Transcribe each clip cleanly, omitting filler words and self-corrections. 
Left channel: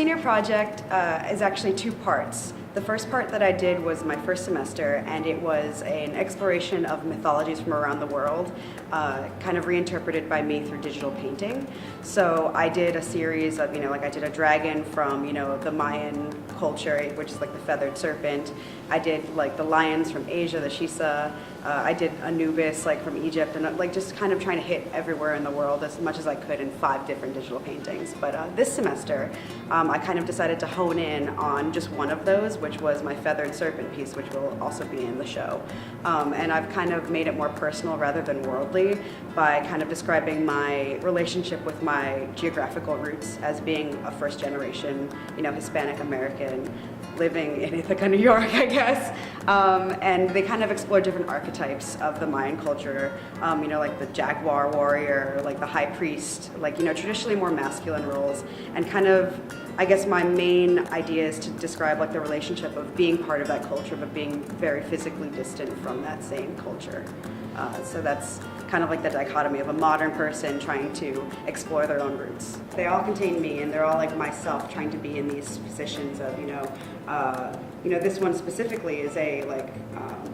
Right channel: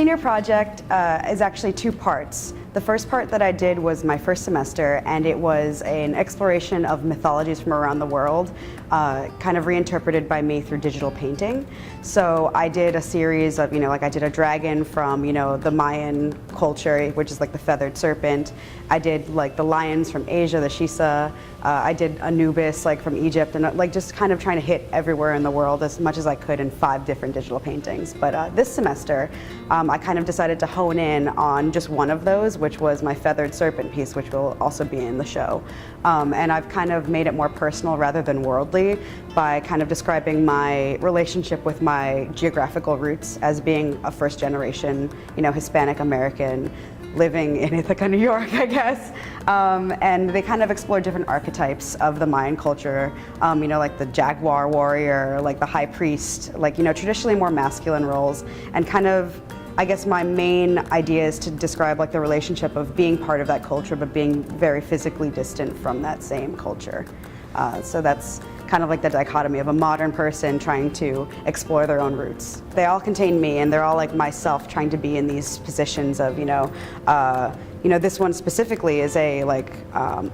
senior project is actually two parts. The first part that I did was my first semester, and it was an exploration of mythologies from around the world, kind of reinterpreted by me through digital painting. So I did a series of, like I did a dragon from, the Mayan culture, which is like the feathered serpent. I did like the lions from Asia, the Shisa. I did Anubis, like from Egypt, and like just kind of trying to hit everywhere in the world as much as I could in 5 different digital paintings. But this semester, I kind of decided to hone in on just one of those, which was my feathered serpent piece, which will also be in the show. And I've kind of made it more personal rather than worldly by kind of describing my relationship with my geographical roots as being a first generation, Hispanic American living in Ithaca, New York, I guess. And they kind of explore different archetypes of the Mayan culture, like the jaguar warrior, like the high priest, like, traditionally more masculine roles, and kind of, I guess my main idea is to describe like the relationship of being part of that culture but being very physically distant from that same culture. So that's kind of like the dichotomy of a modern person trying to explore their own roots. They all contain me, and they're all like myself trying to be in these positions of, this one specifically is a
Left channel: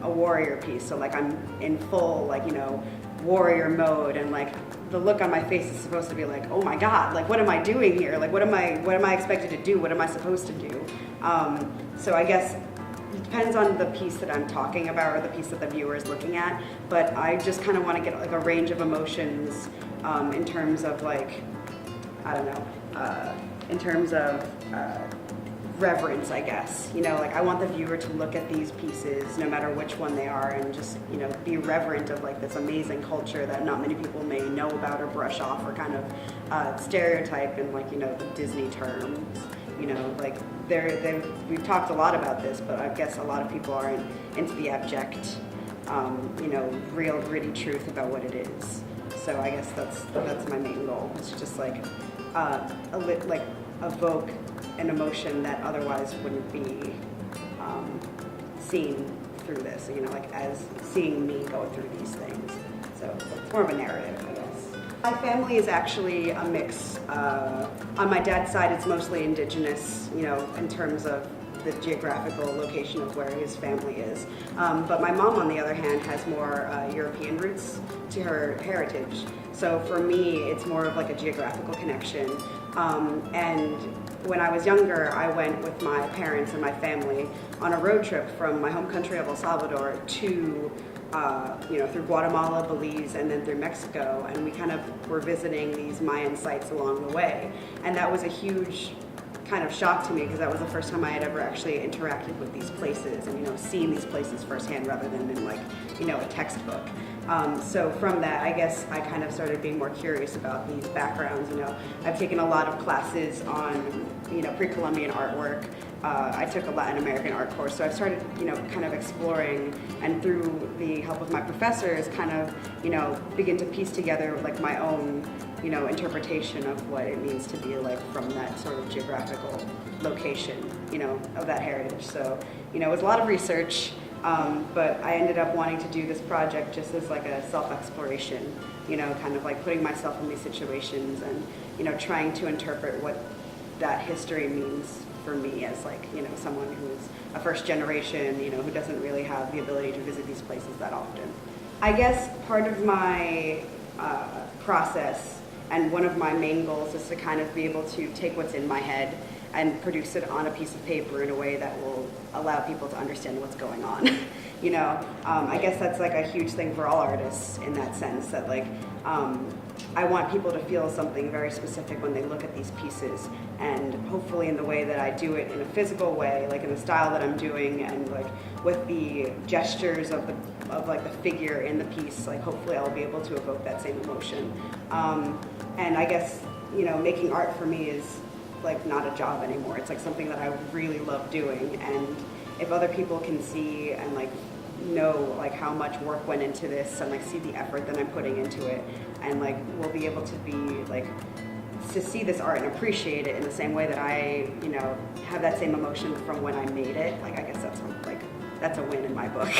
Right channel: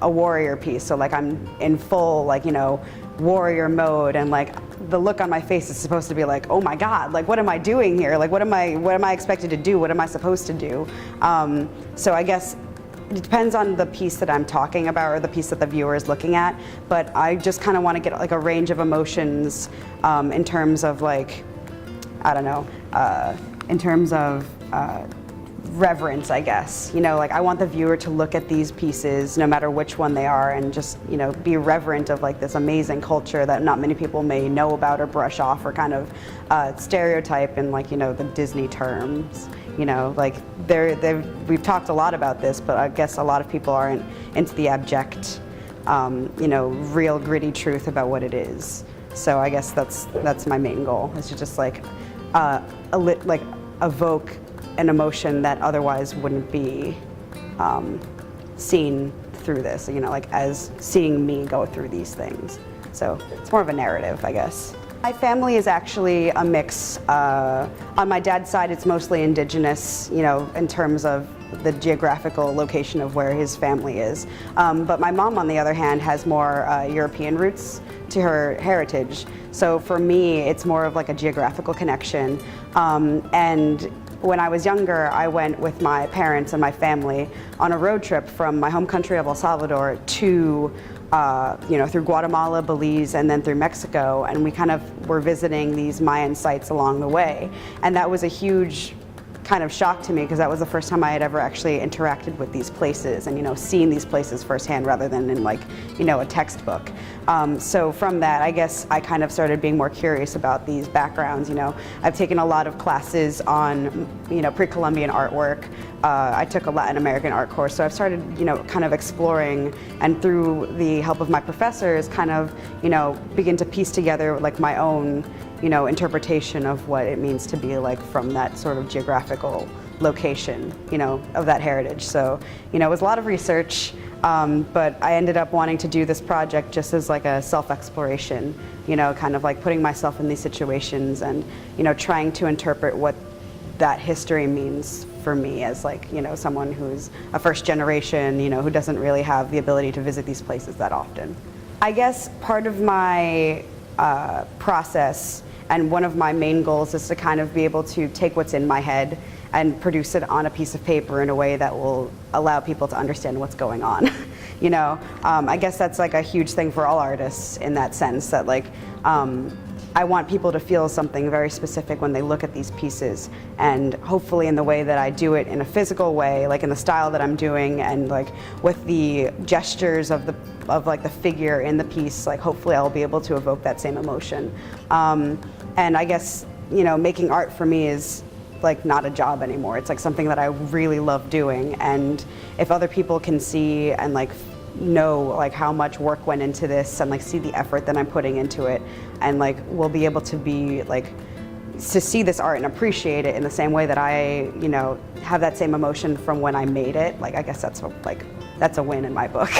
warrior piece. So like I'm in full warrior mode, and like the look on my face is supposed to be like, oh my God, like what am I doing here? Like what am I expected to do? What am I supposed to do? So I guess it depends on the piece that I'm talking about or the piece that the viewer is looking at, but I just kind of want to get like a range of emotions in terms of like, I don't know, in terms of reverence, I guess. Like I want the viewer to look at these pieces, no matter which one they are, and just, be reverent of like this amazing culture that not many people may know about or brush off or kind of stereotype in like, the Disney terms. Like we've talked a lot about this, but I guess a lot of people aren't into the abject, real gritty truth about what it is. So I guess that's my main goal, is to just like evoke an emotion that otherwise wouldn't be seen through this, like as seeing me go through these things. So it's more of a narrative, I guess. My family is actually a mix. On my dad's side, it's mostly indigenous, in terms of the geographical location of where his family is. But my mom, on the other hand, has more European roots to her heritage. So for me, it's more of like a geographical connection. And when I was younger, I went with my parents and my family on a road trip from my home country of El Salvador to through Guatemala, Belize, and then through Mexico, and we kind of were visiting these Mayan sites along the way. And that was a huge kind of shock to me, because that was the first time I had ever actually interacted with these places and, seen these places firsthand rather than in like, a textbook. So from that, I guess I kind of started being more curious about these backgrounds. I've taken a lot of classes on, pre-Columbian artwork. I took a Latin American art course, so I've started, kind of exploring, and through the help of my professors, kind of, begin to piece together like my own, interpretation of what it means to be like from that sort of geographical location, of that heritage. So, it was a lot of research. But I ended up wanting to do this project just as like a self-exploration, kind of like putting myself in these situations and, trying to interpret what that history means for me as like, someone who's a first generation, who doesn't really have the ability to visit these places that often. I guess part of my process, and one of my main goals, is to kind of be able to take what's in my head and produce it on a piece of paper in a way that will allow people to understand what's going on. I guess that's like a huge thing for all artists in that sense, that like, I want people to feel something very specific when they look at these pieces, and hopefully in the way that I do it in a physical way, like in the style that I'm doing, and like with the gestures of like the figure in the piece, like hopefully I'll be able to evoke that same emotion. And I guess, making art for me is like not a job anymore. It's like something that I really love doing, and if other people can see and like know like how much work went into this, and like see the effort that I'm putting into it, and like we'll be able to be like to see this art and appreciate it in the same way that I have that same emotion from when I made it, like I guess that's a win in my book.